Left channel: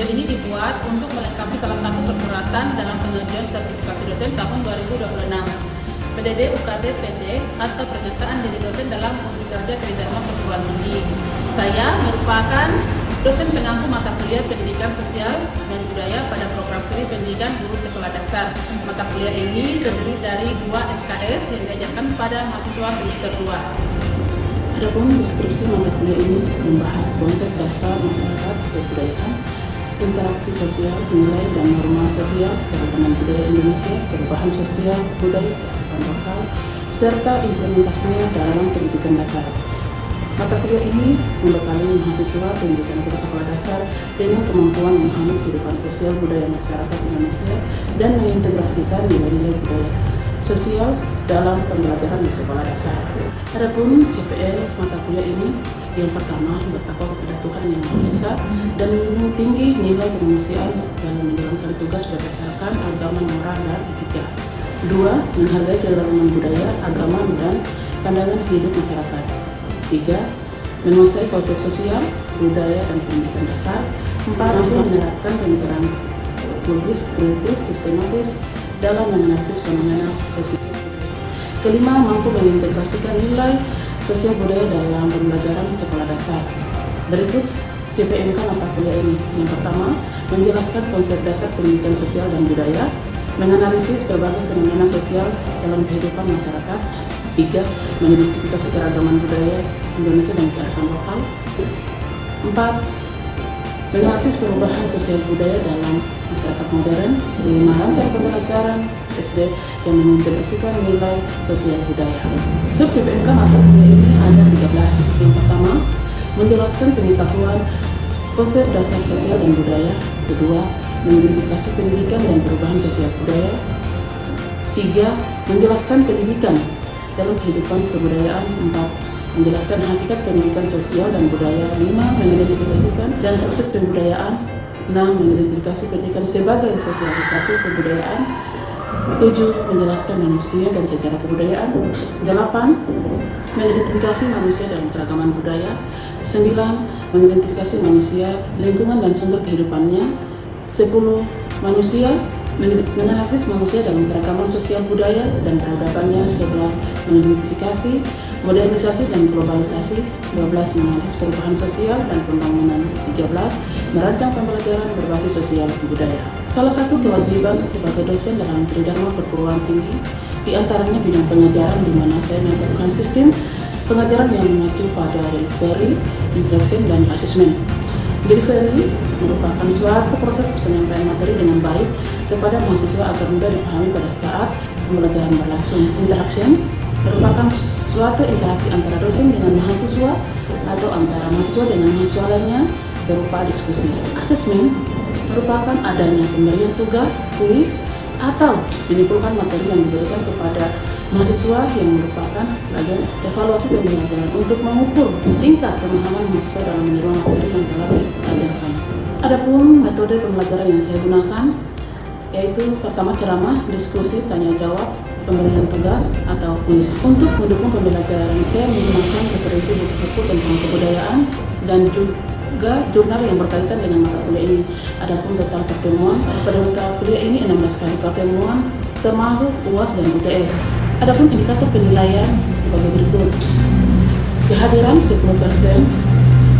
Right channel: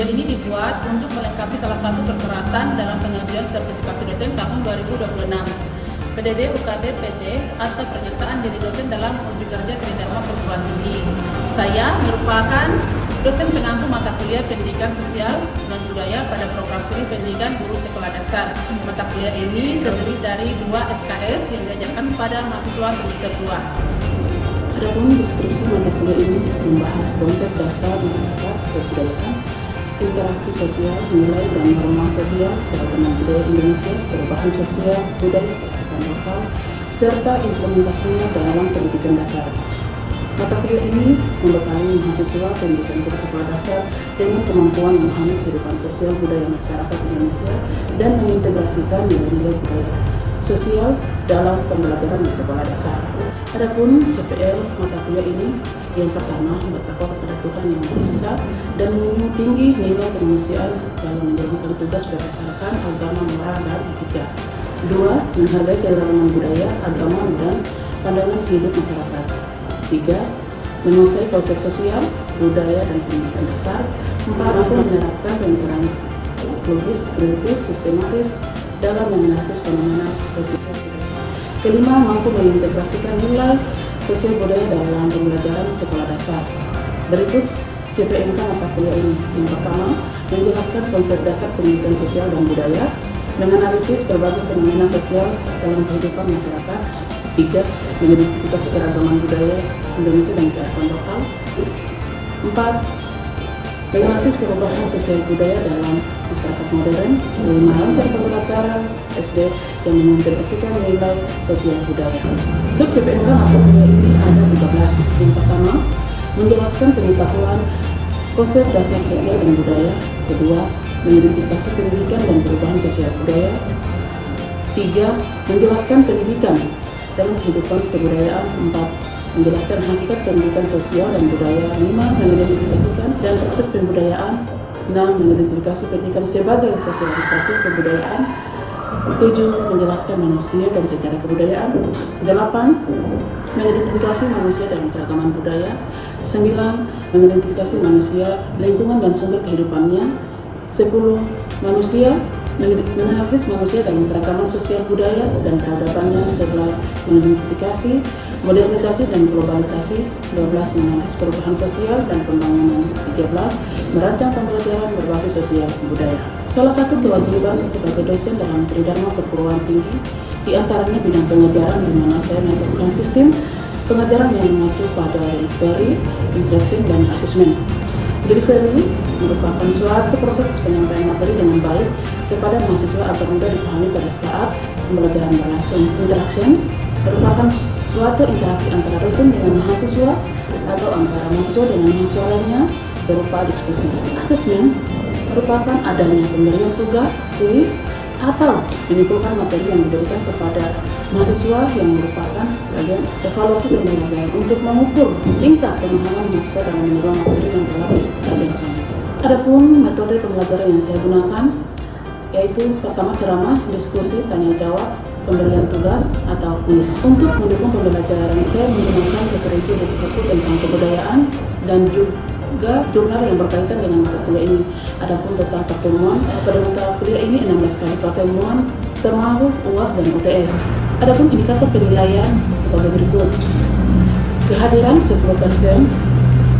Video ini dibuat untuk melengkapi salah satu persyaratan dalam pengajuan sertifikasi dosen tahun 2026. PDD UKT PT atau pernyataan diri dosen dalam uji kerja Tridharma Perguruan Tinggi. Saya merupakan dosen pengampu mata kuliah Pendidikan Sosial dan Budaya pada program studi Pendidikan Guru Sekolah Dasar. Mata kuliah ini terdiri dari 2 SKS yang diajarkan pada mahasiswa semester 2. Adapun deskripsi mata kuliah ini membahas konsep dasar masyarakat, kebudayaan, interaksi sosial, nilai dan norma sosial, keragaman budaya Indonesia, perubahan sosial, budaya, kearifan lokal, serta implementasinya dalam pendidikan dasar. Mata kuliah ini membekali mahasiswa pendidikan guru sekolah dasar dengan kemampuan memahami kehidupan sosial budaya masyarakat Indonesia dan mengintegrasikan nilai-nilai budaya sosial dalam pembelajaran di sekolah dasar. Adapun CPL mata kuliah ini yang pertama bertakwa kepada Tuhan Yang Maha Esa dan menjunjung tinggi nilai kemanusiaan dalam menjalankan tugas berdasarkan agama, moral, dan etika. 2. Menghargai keragaman budaya, agama, dan pandangan hidup masyarakat. 3. Menguasai konsep sosial, budaya, dan pendidikan dasar. 4. Mampu menerapkan pemikiran logis, kritis, sistematis dalam menganalisis fenomena sosial. Kelima, mampu mengintegrasikan nilai sosial budaya dalam pembelajaran sekolah dasar. Berikut CPMK mata kuliah ini. Yang pertama, menjelaskan konsep dasar pendidikan sosial dan budaya, menganalisis berbagai fenomena sosial dalam kehidupan masyarakat. 3. Mengidentifikasi keragaman budaya Indonesia dan kearifan lokal. 4. Menganalisis perubahan sosial budaya dalam masyarakat modern. 5. Merancang pembelajaran SD yang mengintegrasikan nilai sosial budaya. Sub CPMK mata kuliah ini ada 13. Yang pertama, menjelaskan pengetahuan konsep dasar sosial dan budaya. Kedua, mengidentifikasi pendidikan dan perubahan sosial budaya. 3. Menjelaskan pendidikan dalam kehidupan kebudayaan. 4. Menjelaskan hakikat pendidikan sosial dan budaya. 5. Mengidentifikasikan dan proses pembudayaan. 6. Mengidentifikasi pendidikan sebagai sosialisasi kebudayaan. 7. Menjelaskan manusia dan sejarah kebudayaan. 8. Mengidentifikasi manusia dalam keragaman budaya. 9. Mengidentifikasi manusia, lingkungan dan sumber kehidupannya. 10. Menganalisis manusia dalam keragaman sosial budaya dan peradabannya. 11. Mengidentifikasi modernisasi dan globalisasi. 12. Menganalisis perubahan sosial dan pembangunan. 13. Merancang pembelajaran berbasis sosial budaya. Salah satu kewajiban sebagai dosen dalam Tridharma Perguruan Tinggi diantaranya bidang pengajaran, di mana saya menerapkan sistem pengajaran yang mengacu pada delivery, interaction, dan assessment. Delivery merupakan suatu proses penyampaian materi dengan baik kepada mahasiswa agar mudah dipahami pada saat pembelajaran berlangsung. Interaction merupakan suatu interaksi antara dosen dengan mahasiswa atau antara mahasiswa dengan mahasiswa lainnya berupa diskusi. Assessment merupakan adanya pemberian tugas, kuis, atau menyimpulkan materi yang diberikan kepada mahasiswa yang merupakan bagian evaluasi pembelajaran untuk mengukur tingkat pemahaman mahasiswa dalam menerima materi yang telah diajarkan. Adapun metode pembelajaran yang saya gunakan yaitu pertama ceramah, diskusi, tanya jawab, pemberian tugas atau kuis. Untuk mendukung pembelajaran saya menggunakan referensi buku-buku tentang kebudayaan dan juga jurnal yang berkaitan dengan mata kuliah ini. Adapun total pertemuan pada mata kuliah ini 16 kali pertemuan termasuk UAS dan UTS. Adapun indikator penilaian sebagai berikut: kehadiran 10%,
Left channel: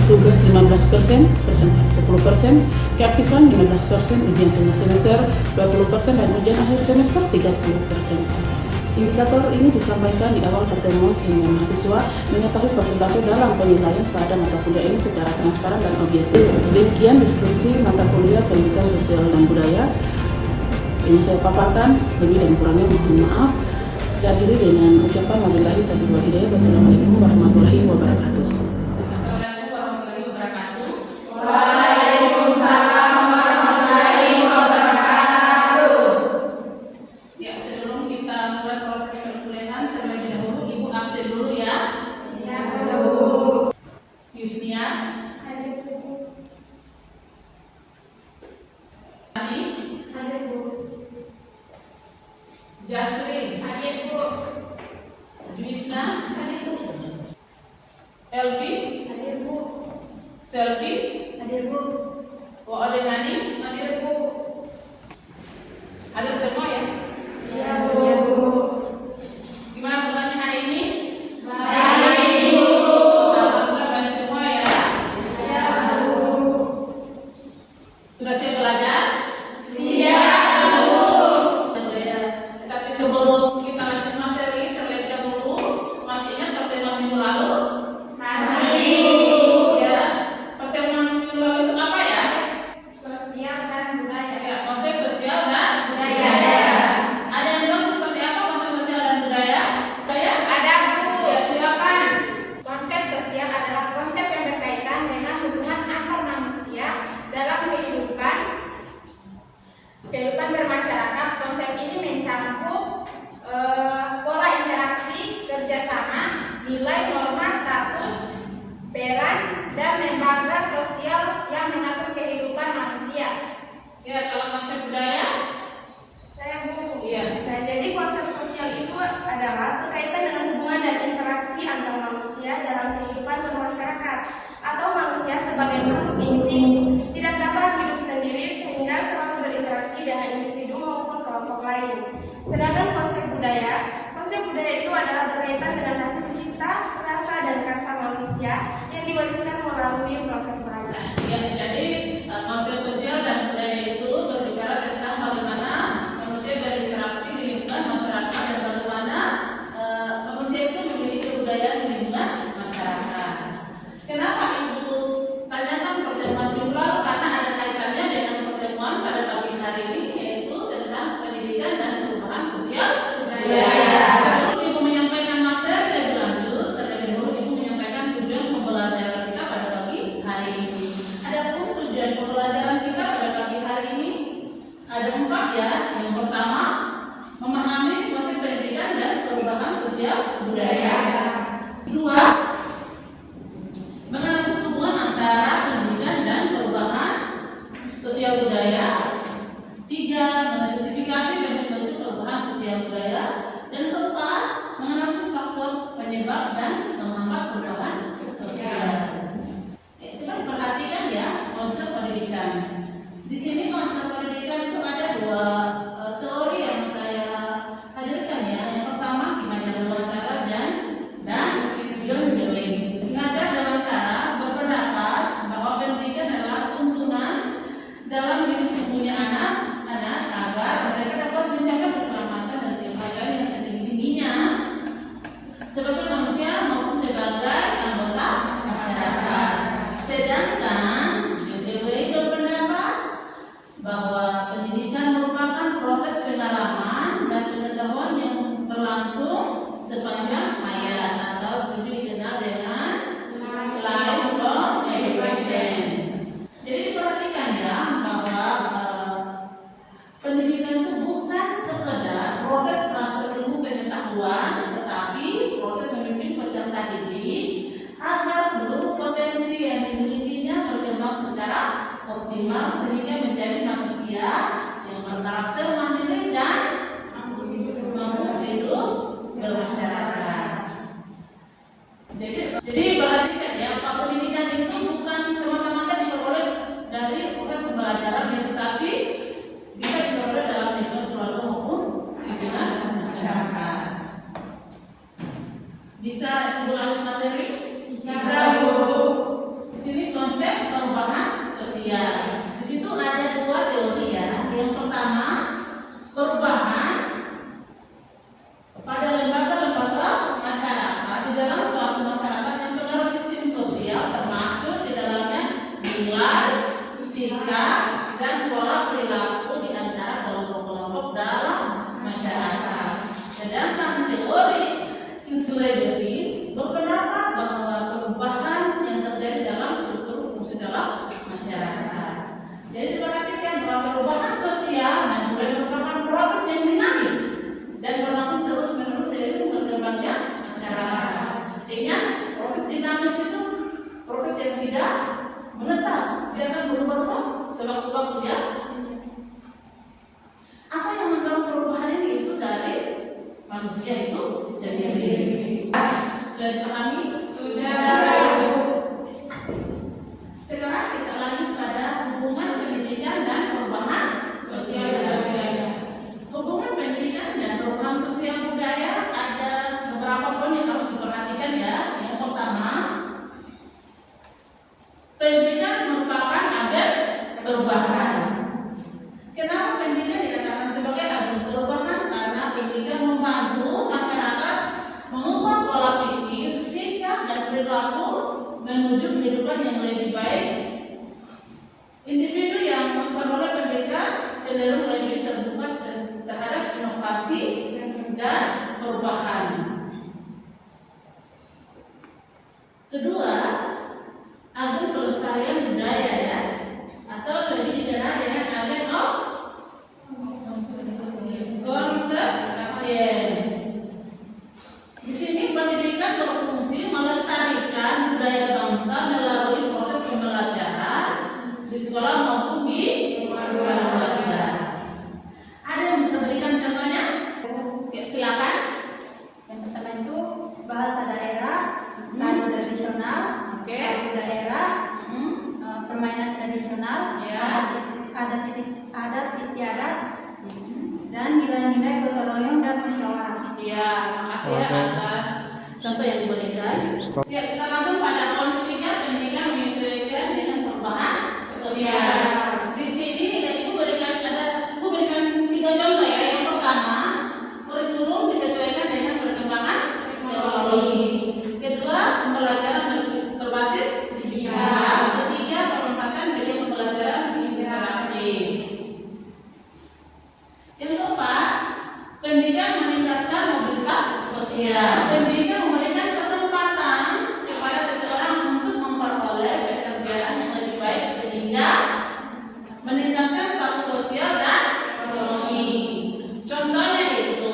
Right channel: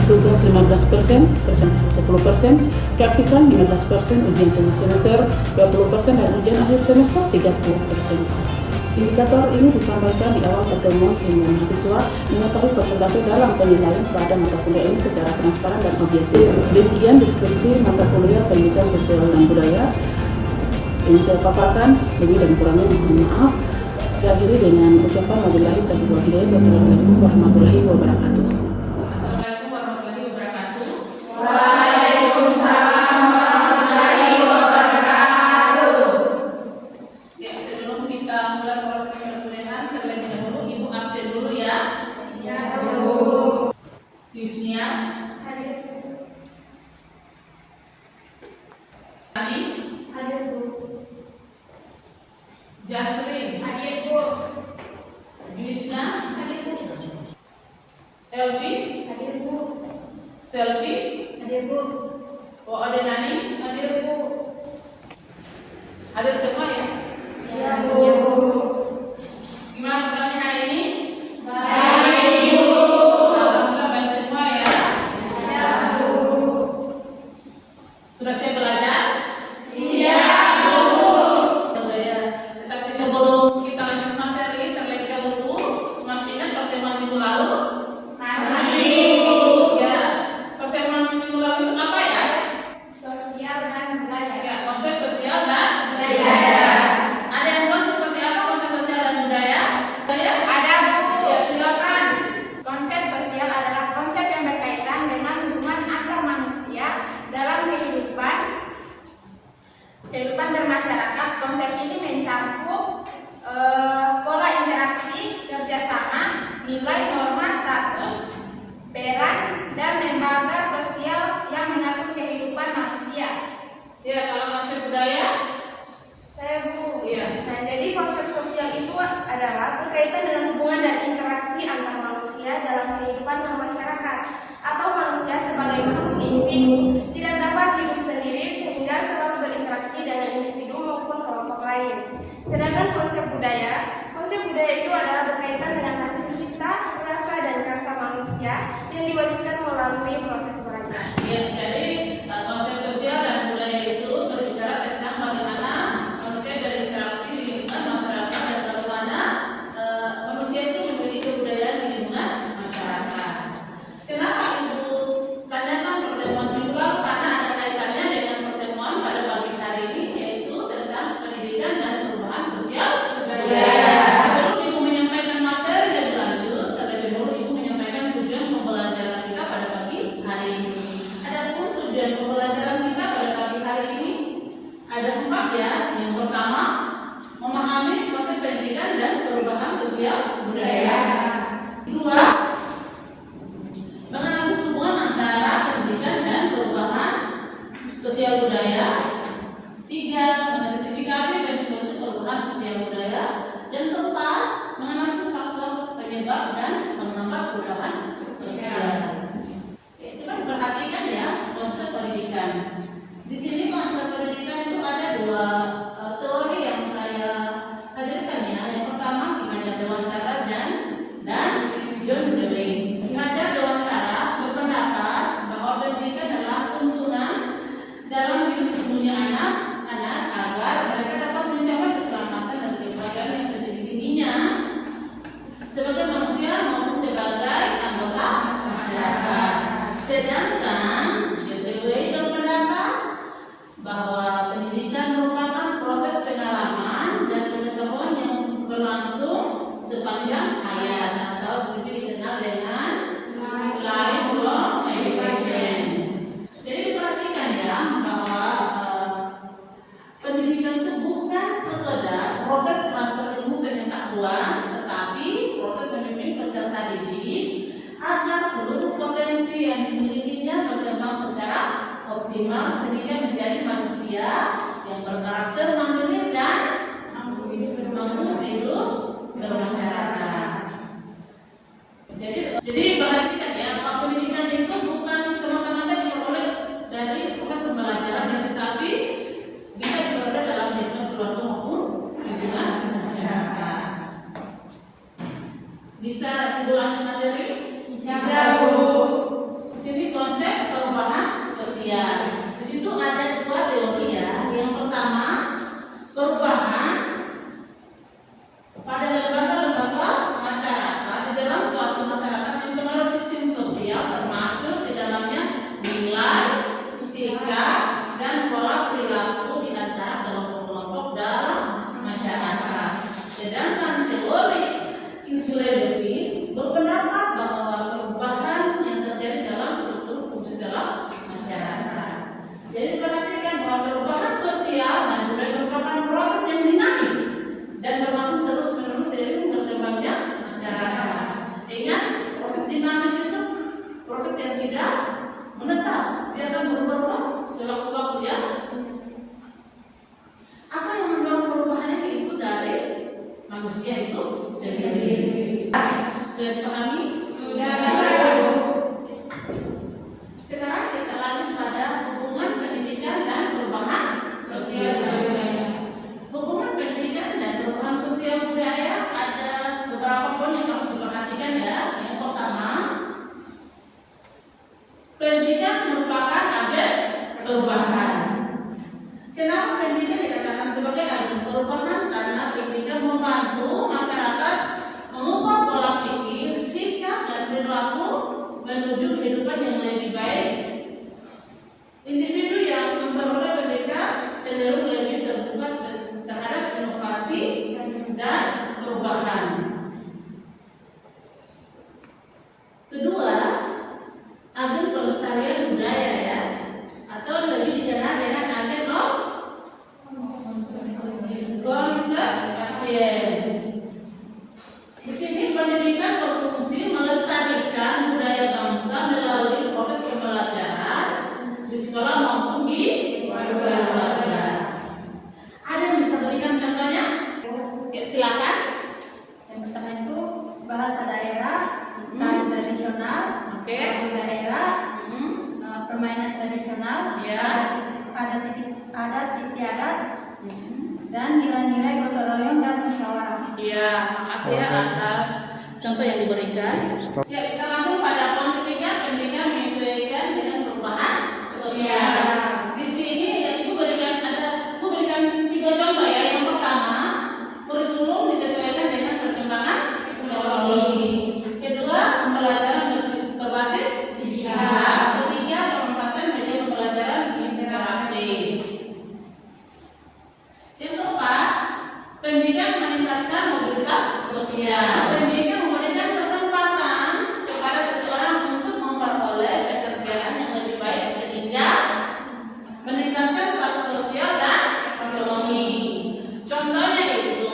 tugas 15%, presentasi 10%, keaktifan 15%, ujian tengah semester 20%, dan ujian akhir semester 30%. Indikator ini disampaikan di awal pertemuan sehingga mahasiswa mengetahui persentase dalam penilaian pada mata kuliah ini secara transparan dan objektif. Demikian deskripsi mata kuliah Pendidikan Sosial dan Budaya yang saya paparkan. Lebih dan kurangnya mohon maaf. Saya akhiri dengan ucapan wabillahi taufiq wal hidayah. Wassalamualaikum warahmatullahi wabarakatuh. Yusnia, hadir Bu. Jasrin, hadir Bu. Juisna, hadir Bu. Elvi, hadir Bu. Selvi, hadir Bu. Bu Ade Nani? Hadir, Bu. Hadir semua ya? Iya, Bu. Gimana temannya hari ini? Baik, Bu. Alhamdulillah baik semua ya. Iya, Bu. Sudah siap belajar? Siap, Bu. Ya. Tetapi sebelum kita lanjut materi, terlebih dahulu masih ingat pertemuan minggu lalu? Masih, Bu. Ya. Pertemuan minggu lalu itu apa ya? Sosial dan budaya. Ya, konsep sosial dan Budaya. Ada yang tahu seperti apa konsep sosial dan budaya? Budaya? Ada, Bu. Ya, silakan. Konsep sosial adalah konsep yang berkaitan dengan hubungan antar manusia dalam kehidupan bermasyarakat. Konsep ini mencakup pola interaksi, kerjasama, nilai, norma, status, peran, dan lembaga sosial yang mengatur kehidupan manusia. Ya, kalau konsep budaya? Saya, Bu. Iya. Nah, jadi konsep sosial itu adalah berkaitan dengan hubungan dan interaksi antar manusia dalam kehidupan bermasyarakat atau manusia sebagai makhluk individu tidak dapat hidup sendiri sehingga selalu berinteraksi dengan individu maupun kelompok lain. Sedangkan konsep budaya itu adalah berkaitan dengan hasil cipta, rasa dan karsa manusia yang diwariskan melalui proses belajar. Ya, jadi konsep sosial dan budaya itu berbicara tentang bagaimana manusia berinteraksi di lingkungan masyarakat dan bagaimana manusia itu memiliki kebudayaan di lingkungan masyarakat. Kenapa Ibu tanyakan pertemuan minggu lalu? Karena ada kaitannya dengan pertemuan pada pagi hari ini, yaitu tentang pendidikan dan perubahan sosial budaya. Sebelum Ibu menyampaikan materi lebih lanjut, terlebih dahulu Ibu menyampaikan tujuan pembelajaran kita pada pagi hari ini. Adapun tujuan pembelajaran kita pada pagi hari ini ada 4 ya. Yang pertama, memahami konsep pendidikan dan perubahan sosial budaya. 2, menganalisis hubungan antara pendidikan dan perubahan sosial budaya. 3, mengidentifikasi bentuk-bentuk perubahan sosial budaya. Dan 4, menganalisis faktor penyebab dan penambah perubahan sosial. Coba diperhatikan ya konsep pendidikan. Di sini konsep pendidikan itu ada 2 teori yang saya hadirkan ya. Yang pertama Ki Hajar Dewantara dan John Dewey. Ki Hajar Dewantara berpendapat bahwa pendidikan adalah tuntunan dalam hidup dunia anak-anak agar mereka dapat mencapai keselamatan dan kebahagiaan yang setinggi-tingginya sebagai manusia maupun sebagai anggota masyarakat. Sedangkan DWI berpendapat bahwa pendidikan merupakan proses pengalaman dan pengetahuan yang berlangsung sepanjang hayat atau lebih dikenal dengan lifelong education. Jadi diperhatikan ya bahwa pendidikan itu bukan sekedar proses transfer ilmu pengetahuan, tetapi proses membimbing peserta didik agar seluruh potensi yang dimilikinya berkembang secara optimal sehingga menjadi manusia yang berkarakter mandiri dan mampu hidup bermasyarakat. Jadi perhatikan ya, bahwa pendidikan itu bukan semata-mata diperoleh dari proses pembelajaran, tetapi bisa diperoleh dalam lingkungan keluarga maupun lingkungan masyarakat. Bisa Ibu lanjut materi? Bisa, Bu. Di sini konsep perubahan sosial. Di situ ada 2 teori ya. Yang pertama, perubahan pada lembaga-lembaga masyarakat di dalam suatu masyarakat yang pengaruh sistem sosial, termasuk di dalamnya nilai, sikap, dan pola perilaku di antara kelompok-kelompok dalam masyarakat. Sedangkan teori Kingsley Davis berpendapat bahwa perubahan yang terjadi dalam struktur fungsi dalam masyarakat. Jadi perhatikan bahwa perubahan sosial dan budaya merupakan proses yang dinamis dan berlangsung terus-menerus seiring berkembangnya masyarakat. Ingat, proses dinamis itu proses yang tidak menetap, tidak akan berubah-ubah sewaktu-waktu ya. Apa yang mendorong perubahan ini itu dari manusia itu sendiri. Sudah dipahami? Sudah. Sekarang kita lanjut pada hubungan merupakan agen perubahan. Kenapa pendidikan dikatakan sebagai agen perubahan? Karena pendidikan membantu masyarakat mengubah pola pikir, sikap, dan perilaku menuju kehidupan yang lebih baik. Individu yang memperoleh pendidikan cenderung lebih terbuka terhadap inovasi dan perubahan. Kedua, agen pelestarian budaya ya, atau lebih dikenal dengan agen of conservation. Di sini pendidikan berfungsi melestarikan budaya bangsa melalui proses pembelajaran di sekolah maupun di keluarga. Ada yang bisa berikan contohnya? Ya, silakan. Yang pertama itu bahasa daerah, tari tradisional, lagu daerah, permainan tradisional, adat istiadat, dan nilai-nilai gotong royong dan musyawarah. Iya, makasih ya atas contoh yang diberikan. Ya, kita langsung pada poin ketiga, pendidikan menyesuaikan dengan perubahan sosial. Di sini ya, Ibu berikan 3 contoh ya. Yang pertama, kurikulum disesuaikan dengan perkembangan teknologi. Kedua, pembelajaran berbasis digital. Ketiga, pemanfaatan media pembelajaran interaktif. Yang keempat, pendidikan meningkatkan mobilitas sosial. Pendidikan memberikan kesempatan kepada seseorang untuk memperoleh pekerjaan yang lebih baik sehingga meningkatkan status sosial dan ekonomi. Contohnya itu,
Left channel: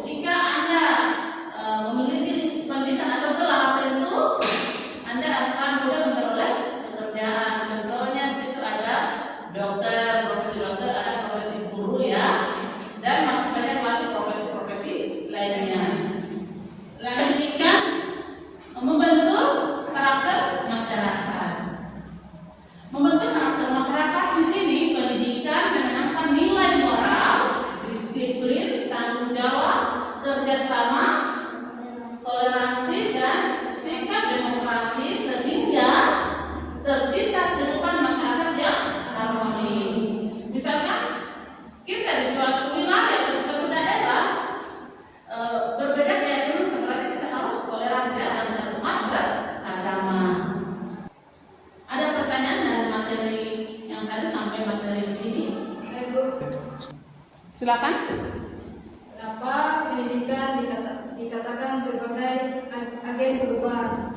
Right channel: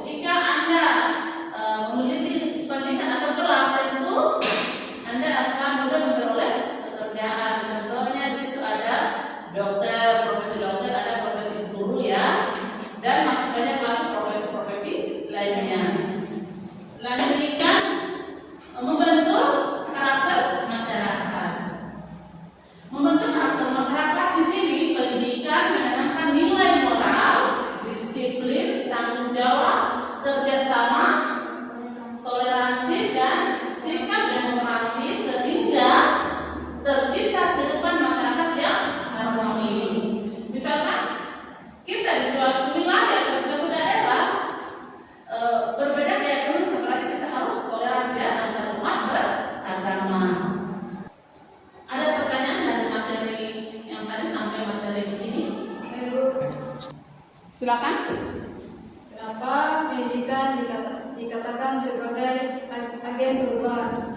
ketika Anda memiliki pendidikan atau gelar tentu, Anda akan mudah memperoleh pekerjaan. Contohnya di situ ada dokter, profesi dokter, ada profesi guru ya, dan masih banyak lagi profesi-profesi lainnya. Pendidikan membentuk karakter masyarakat. Membentuk karakter masyarakat di sini pendidikan menanamkan nilai moral, disiplin, tanggung jawab, kerjasama, toleransi, dan sikap demokrasi sehingga tercipta kehidupan masyarakat yang harmonis. Misalkan kita di suatu wilayah atau di suatu daerah berbeda keyakinan, berarti kita harus toleransi antar umat beragama. Ada pertanyaan dari materi yang tadi sampai materi di sini? Ibu, Silakan. kenapa pendidikan dikatakan sebagai agen perubahan?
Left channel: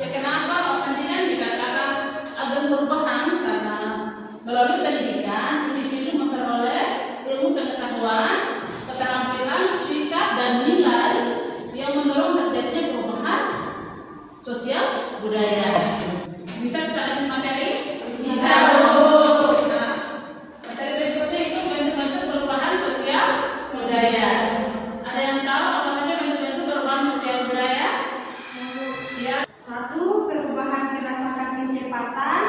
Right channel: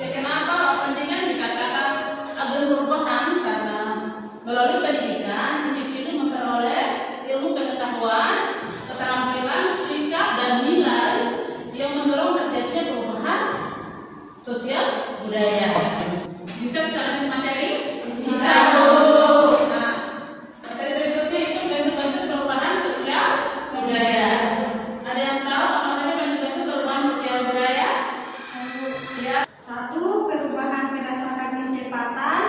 Ya, kenapa pendidikan dikatakan agen perubahan? Karena melalui pendidikan individu memperoleh ilmu pengetahuan, keterampilan, sikap, dan nilai yang mendorong terjadinya perubahan sosial budaya. Bisa kita lanjut materi? Bisa, Bu. Nah, materi berikutnya itu bentuk-bentuk perubahan sosial budaya. Ada yang tahu apa saja bentuk-bentuk perubahan sosial budaya? Ya. 1. Perubahan berdasarkan kecepatan.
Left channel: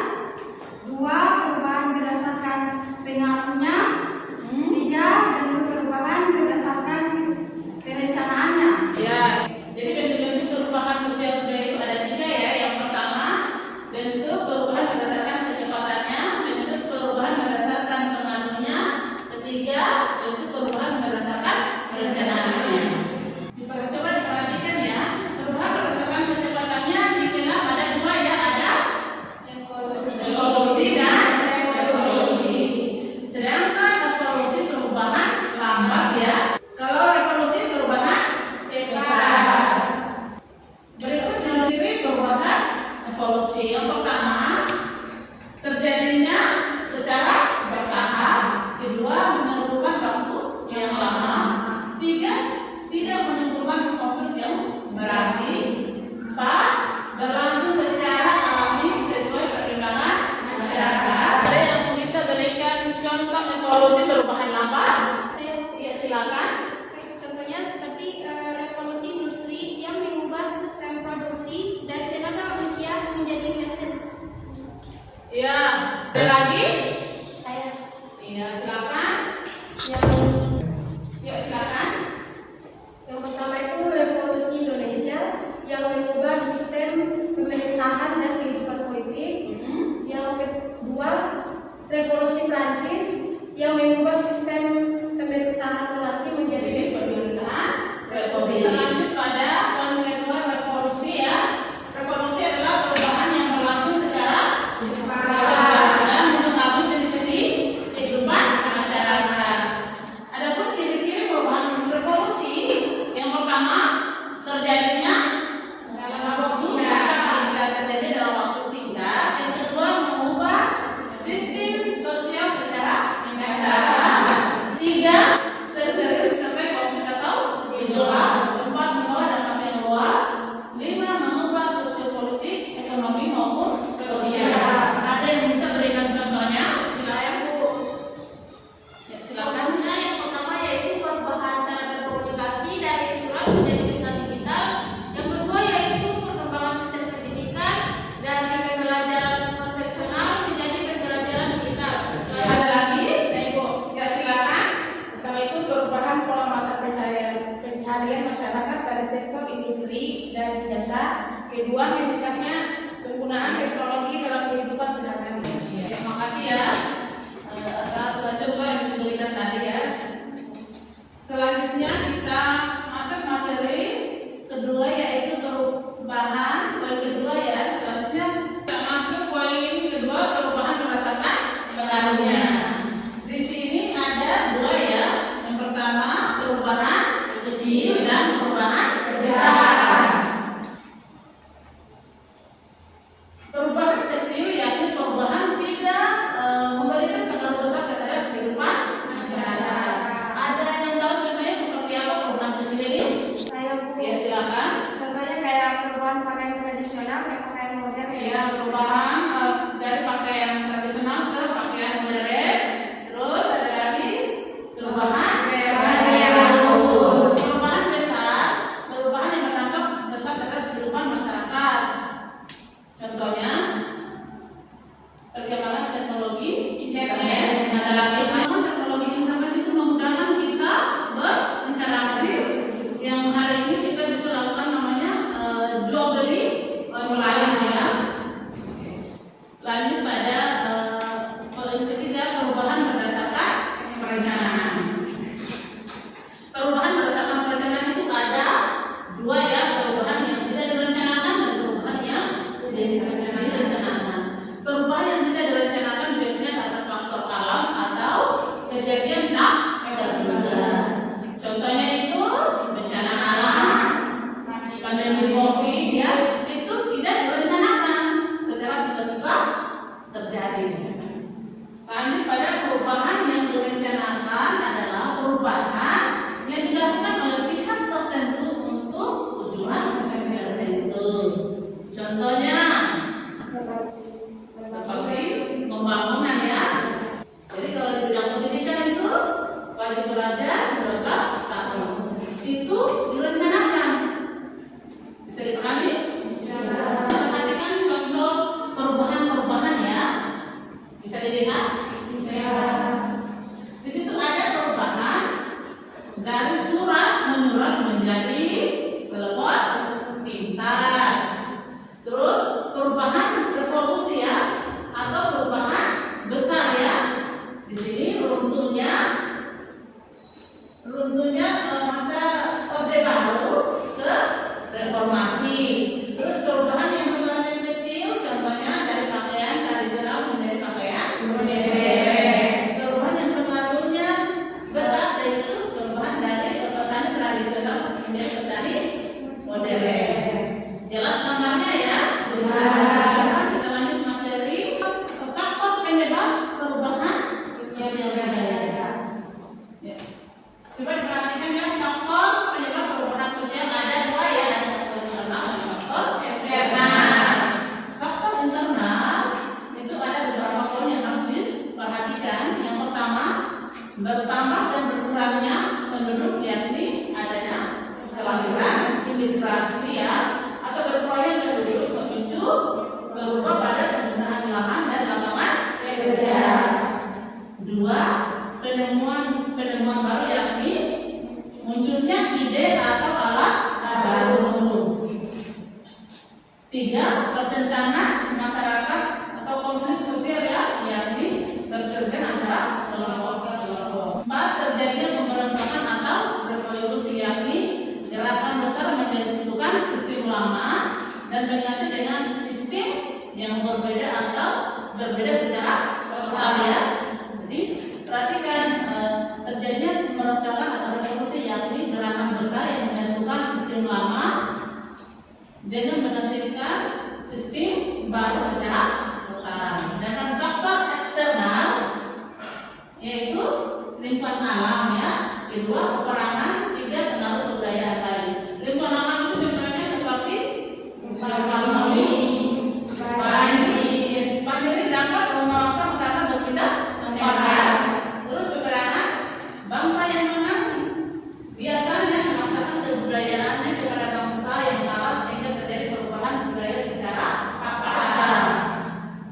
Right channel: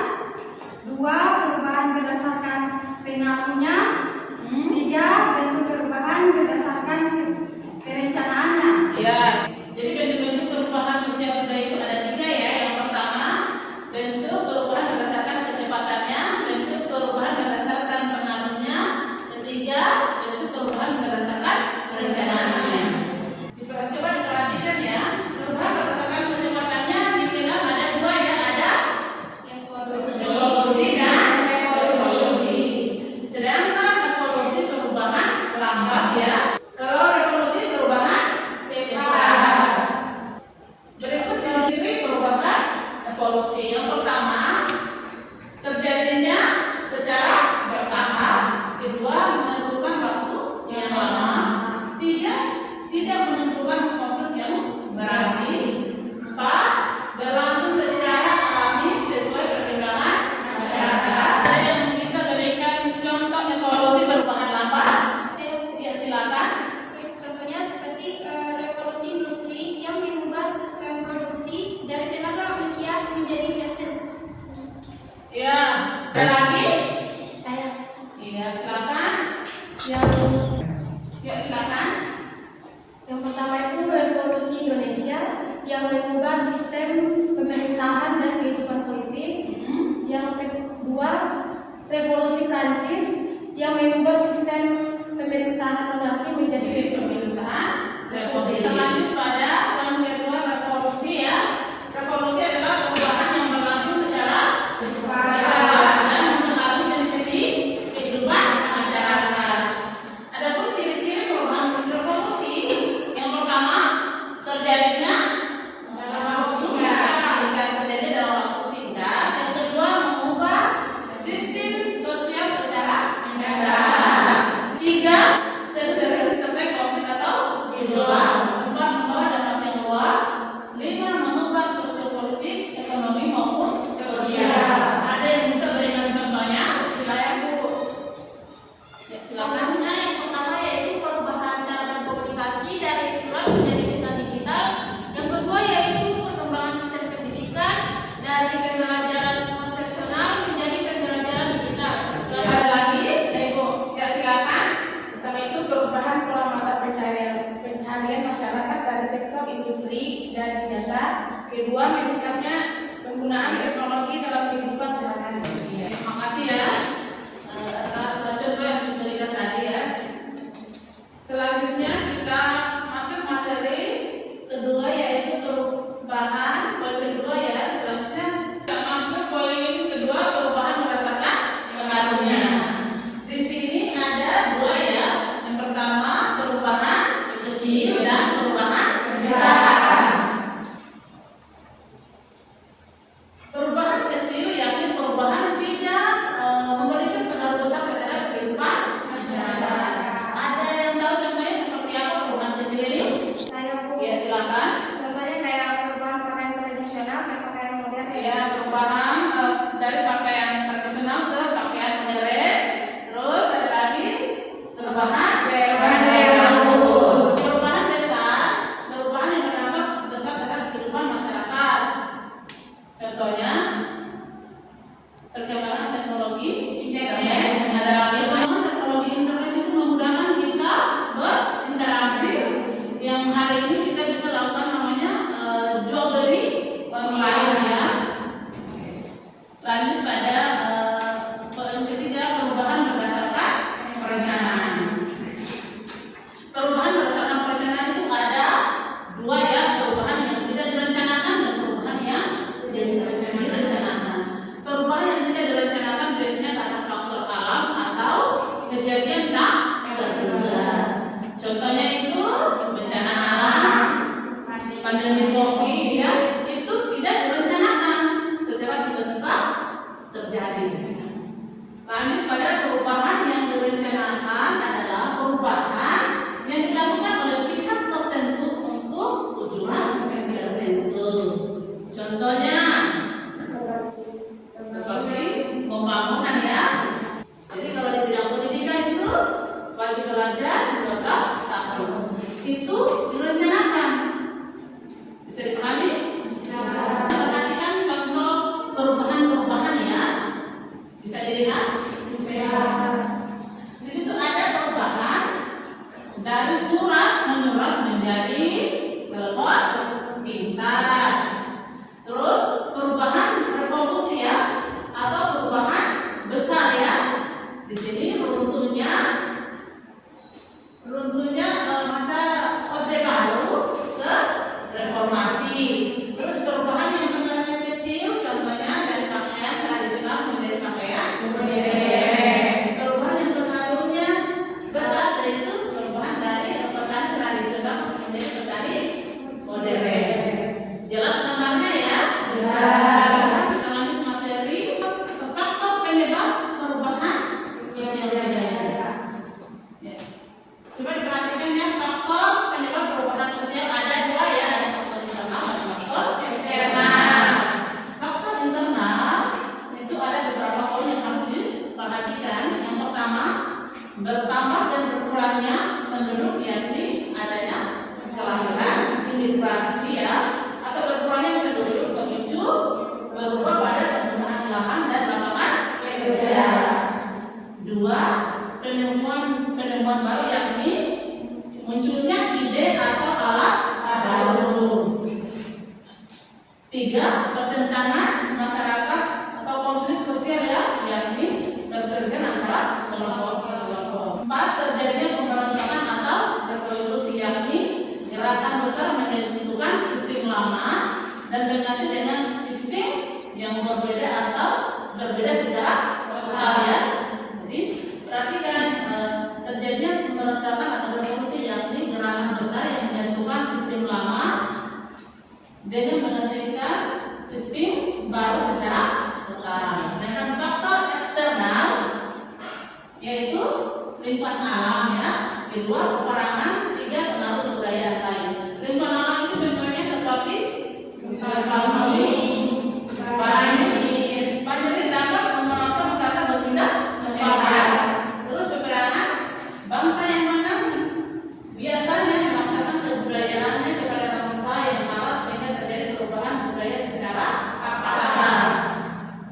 2. Perubahan berdasarkan pengaruhnya. 3. Bentuk perubahan berdasarkan perencanaannya. Ya, jadi bentuk-bentuk perubahan sosial budaya itu ada 3 ya. Yang pertama, bentuk perubahan berdasarkan kecepatannya. Bentuk perubahan berdasarkan pengaruhnya. Ketiga, bentuk perubahan berdasarkan perencanaannya. Coba diperhatikan ya. Perubahan berdasarkan kecepatannya dikenal ada 2 ya. Ada evolusi dan revolusi. Sedangkan evolusi perubahan lambat ya. Kalau revolusi perubahan cepat. Berikut ciri-ciri perubahan evolusi. Yang pertama, terjadinya secara bertahap. Kedua, memerlukan waktu yang lama. 3, tidak menentukan konflik yang berarti. 4, berlangsung secara alami sesuai perkembangan masyarakat. Ada yang bisa berikan contoh evolusi perubahan lambat? Ya, silakan. Contohnya seperti revolusi industri yang mengubah sistem produksi dari tenaga manusia menjadi mesin. Ya, ada lagi? Saya. Iya, silakan. Ya, silakan. Yang pertama itu revolusi Indonesia yang mengubah sistem pemerintahan dan kehidupan politik. Revolusi Prancis yang mengubah sistem pemerintahan monarki menjadi pemerintahan republik. Lanjut pada poin kedua, revolusi ya. Revolusi adalah perubahan yang berlangsung secara cepat dan mempengaruhi sendi-sendi kehidupan masyarakat. Adapun ciri-ciri perubahan revolusi, yang pertama terjadinya dalam waktu singkat. Yang kedua mengubah sistem sosial secara mendasar. 3 sampai konflik atau gejolak. 4 membawa dampak yang luas. 5 mengubah struktur politik, ekonomi maupun sosial. Ada yang bisa berikan contohnya? Silakan Bu. Ya, silakan. Contohnya yang pertama yaitu perubahan cara berkomunikasi dari surat menjadi bisa digital. Yang kedua yaitu perkembangan sistem pendidikan dari pembelajaran konvensional menjadi pembelajaran digital. Ada lagi? Ibu, ya silakan. Pertama itu perubahan pola mata pencaharian masyarakat dari sektor industri dan jasa. Kedua, meningkatnya penggunaan teknologi dalam kehidupan sehari-hari. Terima kasih ya atas contoh yang diberikan tadi ya. Selanjutnya kita masuk materi kedua yaitu perubahan. Poin kedua ya. Selanjutnya kita masuk poin kedua, perubahan berdasarkan pengaruhnya. Di sini ada 2 ya. Yang pertama perubahan kecil dan perubahan besar. Perubahan kecil yakni perubahan tidak memberikan pengaruh besar terhadap kehidupan masyarakat. Ada yang tahu contohnya seperti apa perubahan kecil ini? Saya Bu. Ya silakan. Contohnya kayak perubahan pakaian tradisional ke pakaian modern. Ya, perubahan dari pakaian tradisional ke pakaian modern. Terus ada lagi perubahan baru. Perubahan besar, perubahan yang berdampak besar terhadap kehidupan masyarakat. Contohnya perkembangan teknologi internet. Ada lagi perkembangan teknologi internet itu memudahkan kita berinteraksi. Yang hari ini kita bisa lakukan namanya jual beli online ya. Lanjut pada poin ketiga, perubahan berdasarkan perencanaan. Perubahan berdasarkan perencanaan itu ada 2 ya, perubahan yang tidak direncanakan dan perubahan yang direncanakan. Perubahan yang tidak direncanakan biasanya karena faktor alam atau kejadian tak terduga. Contohnya itu bencana alam, pandemi COVID ya, itu tidak direncanakan, secara tiba-tiba terjadi. Lanjut pada perubahan yang direncanakan adalah perubahan yang dilakukan oleh pihak tertentu untuk tujuan tertentu. Contohnya seperti pembangunan ya. Jadi kalau di bidang pendidikan itu wajib belajar 12 tahun. Itu direncanakan. Bisa dipahami? Bisa. Perhatikan contoh perubahan-perubahan ya. Bisa dilihat? Bisa. Di situ ada perubahan dari surat menyurat menjadi telepon pintar. Terus perubahan revolusi ya, atau perubahan besar ya. Di sini runtuhnya masa Orde Baru ke reformasi. Terus perubahan yang bentuknya kecil, contohnya dari pakaian tradisional menjadi pakaian modern. Perubahan yang pengaruhnya besar yaitu perubahan dari petani tradisional menjadi petani modern. Jelas gambarnya ya? Jelas. Kita lanjut materi faktor penyebab perubahan sosial budaya. Ya. Coba diperhatikan ya, faktor penyebab perubahan sosial ada 2 ya, ada faktor internal dan faktor eksternal. Faktor internal itu ada beberapa poin yang harus diperhatikan. Yang pertama, bertambah dan berkurangnya penduduk yakni adanya kelahiran, imigrasi ya, atau berkurangnya penduduk memicu berubah pada penggunaan lahan dan lapangan kerja. 2, penemuan baru yakni munculnya ide atau alat baru. 3, pertentangan masyarakat atau konflik sosial ya, yakni kelompok. 4. Terjadinya pemberontakan atau revolusi, yakni gerakan besar menentukan sistem lama dan mengganti dengan sistem yang berbeda atau berbeda secara total ya. Jadi perhatikan, terjadinya pemberontakan atau revolusi yakni gerakan besar yang menentukan sistem lama dengan menggantikan sistem baru secara total. Dengan faktor eksternal yaitu lingkungan alam ya. Kedua, peperangan. Tiga, pengaruh budaya lain. Lingkungan alam itu contohnya seperti banjir dapat memaksa masyarakat berpindah tempat ya. Terus peperangan, bangsa yang menang biasanya memaksakan kebudayaannya kepada bangsa yang kalah sehingga terjadi perubahan budaya secara paksa.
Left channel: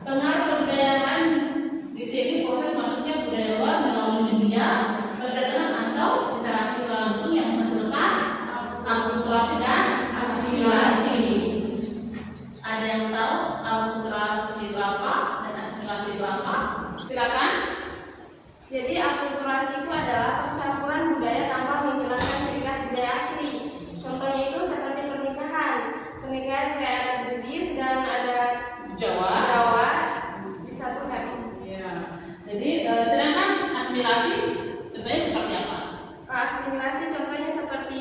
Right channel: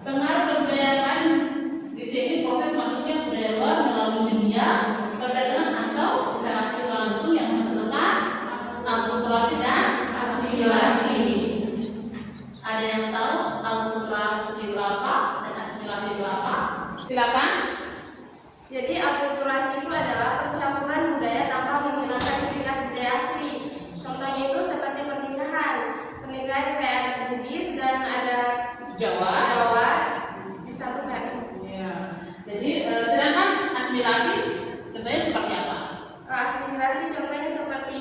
Pengaruh kebudayaan di sini proses masuknya budaya luar melalui media, perdagangan atau interaksi langsung yang menghasilkan akulturasi dan asimilasi. Ada yang tahu akulturasi itu apa dan asimilasi itu apa? Silakan. Jadi akulturasi itu adalah pencampuran budaya tanpa menghilangkan ciri khas budaya asli. Contohnya itu seperti pernikahan kayak ada Bugis dan ada Jawa disatukan. Ya. Jadi sedangkan asimilasi contohnya seperti apa? Asimilasi contohnya seperti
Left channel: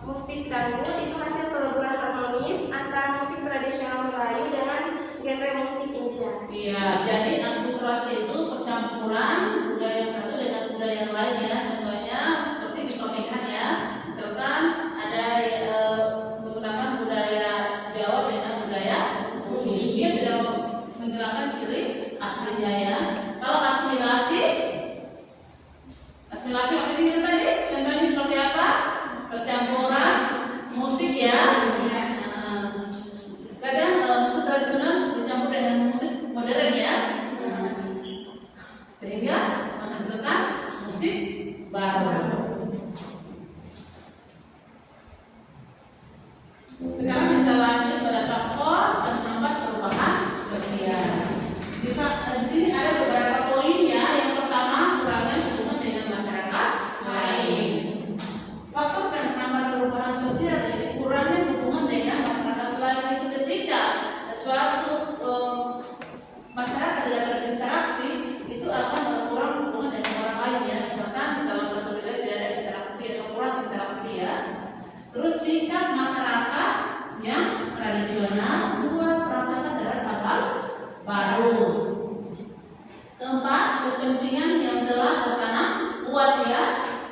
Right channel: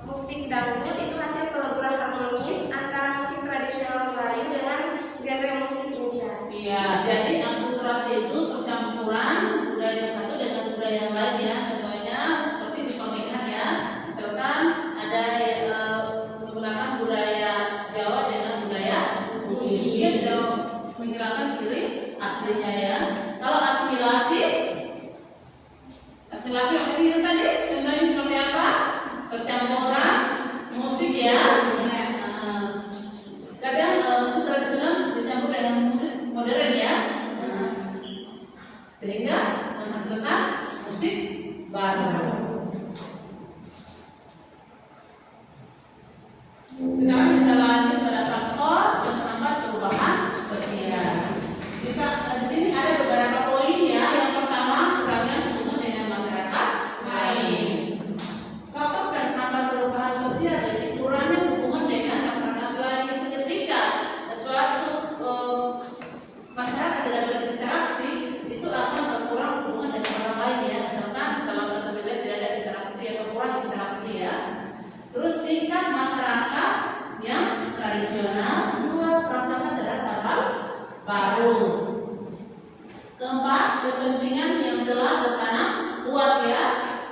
musik dangdut itu hasil keleburan harmonis antara musik tradisional Melayu dengan genre musik India. Iya, jadi akulturasi itu percampuran budaya satu dengan budaya yang lain ya. Contohnya seperti di pernikahan ya. Misalkan ada menggunakan budaya Jawa dengan budaya Bugis. Dia sudah menghilangkan ciri aslinya ya. Kalau asimilasi maksudnya itu tadi contohnya seperti apa? Percampuran musik ya. Kadang musik tradisional bercampur dengan musik modern ya. Sehingga menghasilkan musik baru. Sekarang kita lanjut pada faktor penghambat perubahan sosial. Di sini ada beberapa poin ya. Yang pertama, kurangnya hubungan dengan masyarakat lain. Faktor penghambat perubahan sosial jadi kurangnya hubungan dengan masyarakat lain itu ketika suatu masyarakat tidak berinteraksi itu akan kurang hubungan dengan orang lain ya. Misalkan dalam satu wilayah tidak ada interaksi atau kurang interaksi ya. Terus sikap masyarakat yang tradisional, dua merasakan terhadap hal baru. Keempat, kepentingan yang telah tertanam kuat ya.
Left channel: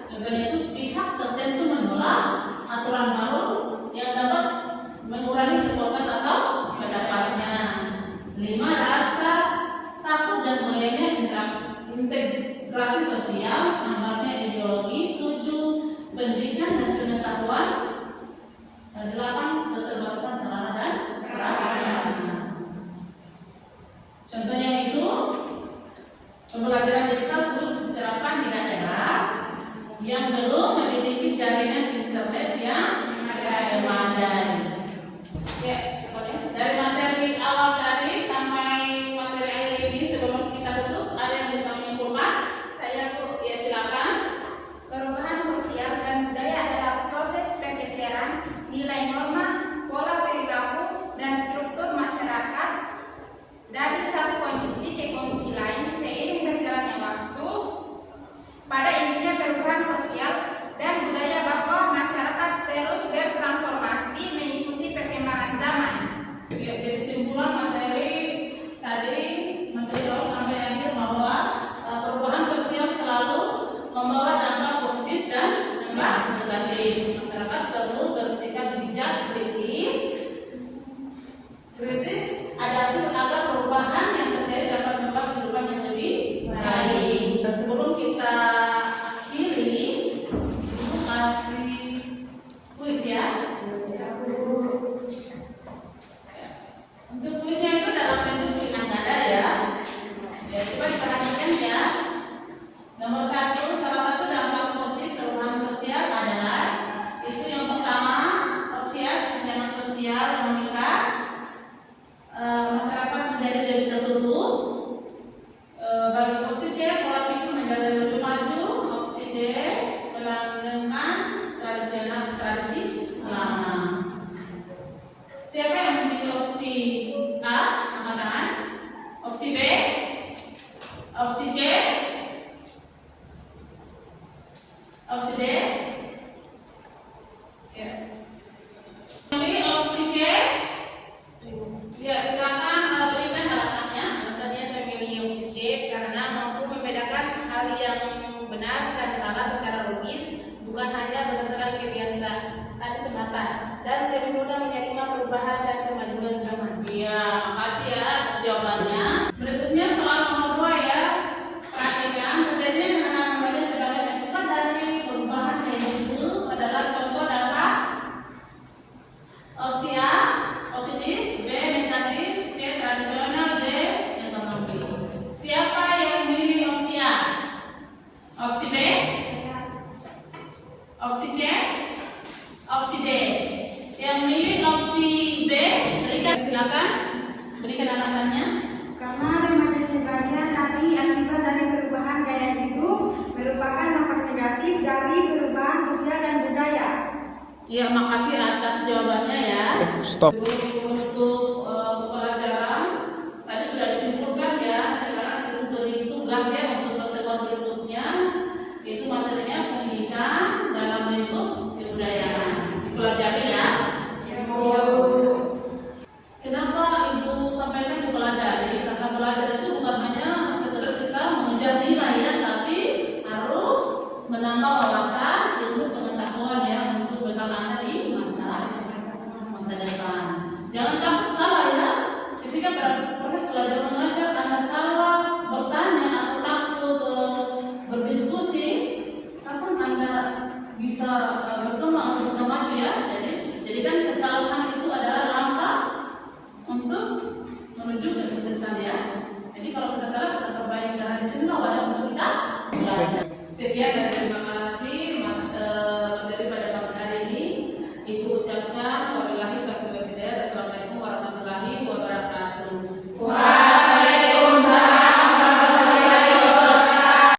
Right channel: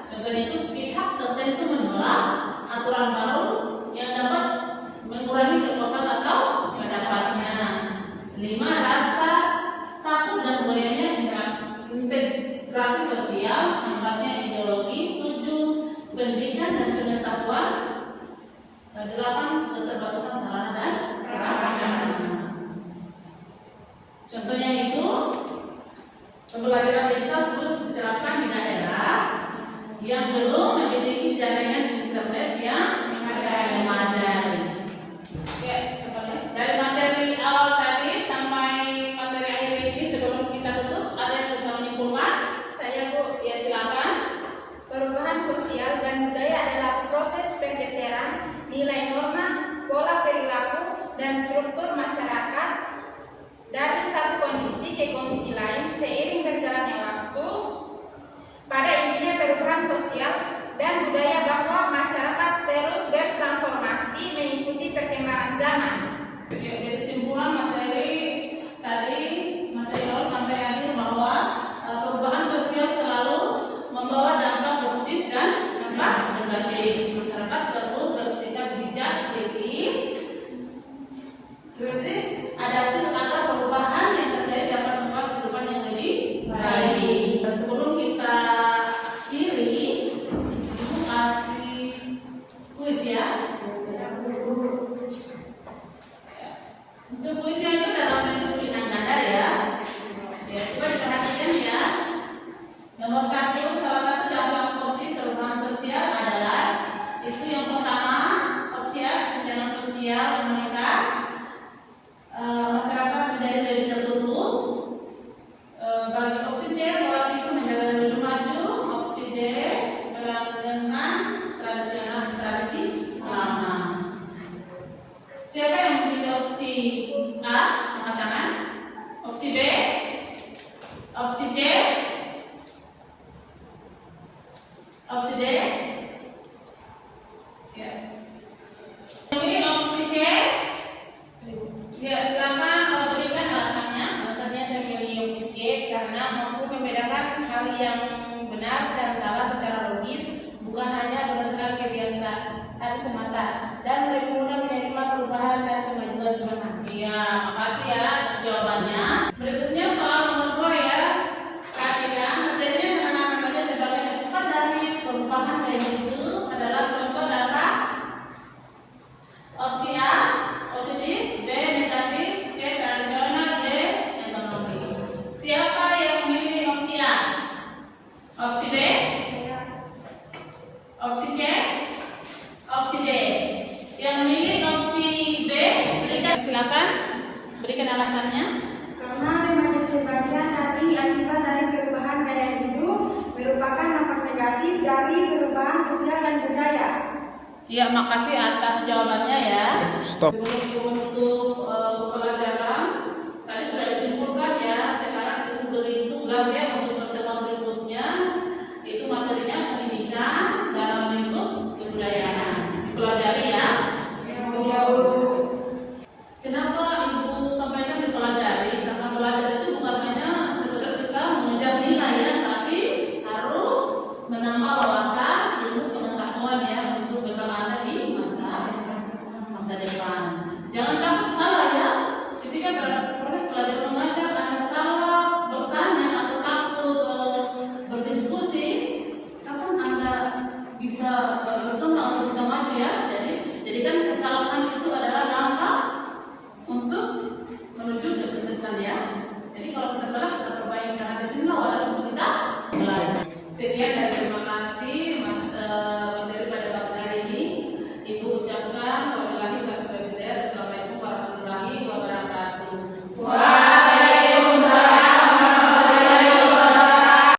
Contohnya itu pihak tertentu menolak aturan baru yang dapat mengurangi kekuasaan atau pendapatnya. 5. Rasa takut dan goyahnya integrasi sosial, lambatnya ideologi. 7. Pendidikan dan pengetahuan. 8. Keterbatasan sarana dan prasarana. Contohnya itu pembelajaran digital sudah diterapkan di daerah yang belum memiliki jaringan internet yang memadai. Oke, seperti dari materi awal tadi sampai materi akhir ini sebelum kita tutup ada yang bisa menyimpulkan? Saya Bu. Ya silakan. Perubahan sosial dan budaya adalah proses pergeseran nilai norma, pola perilaku, dan struktur masyarakat dari satu kondisi ke kondisi lain seiring berjalannya waktu. Pada intinya perubahan sosial dan budaya bahwa masyarakat terus bertransformasi mengikuti perkembangan zaman. Ya, jadi simpulan materi tadi, materi awal sampai akhir bahwa perubahan sosial selalu membawa dampak positif dan dampak negatif. Masyarakat perlu bersikap bijak, kritis, adaptif agar perubahan yang terjadi dapat membuat kehidupan yang lebih baik. Sebelum kita akhiri, Ibu kasih kuis ya. Untuk kuisnya itu dalam bentuk pilihan ganda ya. Ya, coba diperhatikan ya. Nomor 1, salah satu dampak positif perubahan sosial adalah itu yang pertama Opsi C. Opsi D. Ya. Pilih opsi C. Ya, silakan berikan alasannya. Alasannya saya pilih opsi C karena mampu membedakan hal yang benar dan salah secara logis, bukan hanya berdasarkan kebiasaan semata, dan lebih mudah menerima perubahan dan kemajuan zaman. Ya, makasih ya atas jawabannya. Berikutnya soal nomor 2 ya. Perhatikan, tentunya mengenal membaca sebagai akibat dari perubahan gaya hidup adalah contoh dapat opsi A, positif, B, negatif, C, tradisional, D, ekonomi. Siapa yang memilih opsi A? Opsi D? Opsi C? Opsi D? Yang memilih opsi B, berikan silakan. Berikan alasannya. Karena remaja sebagian dari akibat dari perubahan gaya hidup merupakan dampak negatif dari perubahan sosial dan budaya. Ya, makasih atas jawabannya ya. Stop. Sebelum untuk pelajaran tadi sudah disimpulkan ya. Sekarang ibu beri tugas ya untuk pertemuan berikutnya, yaitu materinya pendidikan dalam lingkup kebudayaan. Dipelajari ya. Kenapa ibu sampaikan dipelajari? Karena belajar itu bukan hanya sekedar kita mengejar nilai ya, tapi harus menambah wawasan, ilmu, pengetahuan ya untuk bekal Anda di masa depan. Jangan takut salah ya. Ketika proses belajar mengajar Anda salah bertanya atau takut berdiskusi, kapan Anda bisa berkembang untuk bisa maju ya? Jadi kan kesalahan itu adalah langkah untuk menuju kesuksesan ya. Jadi kalau kita salah kita perbaiki, karena di sini wadah untuk kita belajar. Sekian dari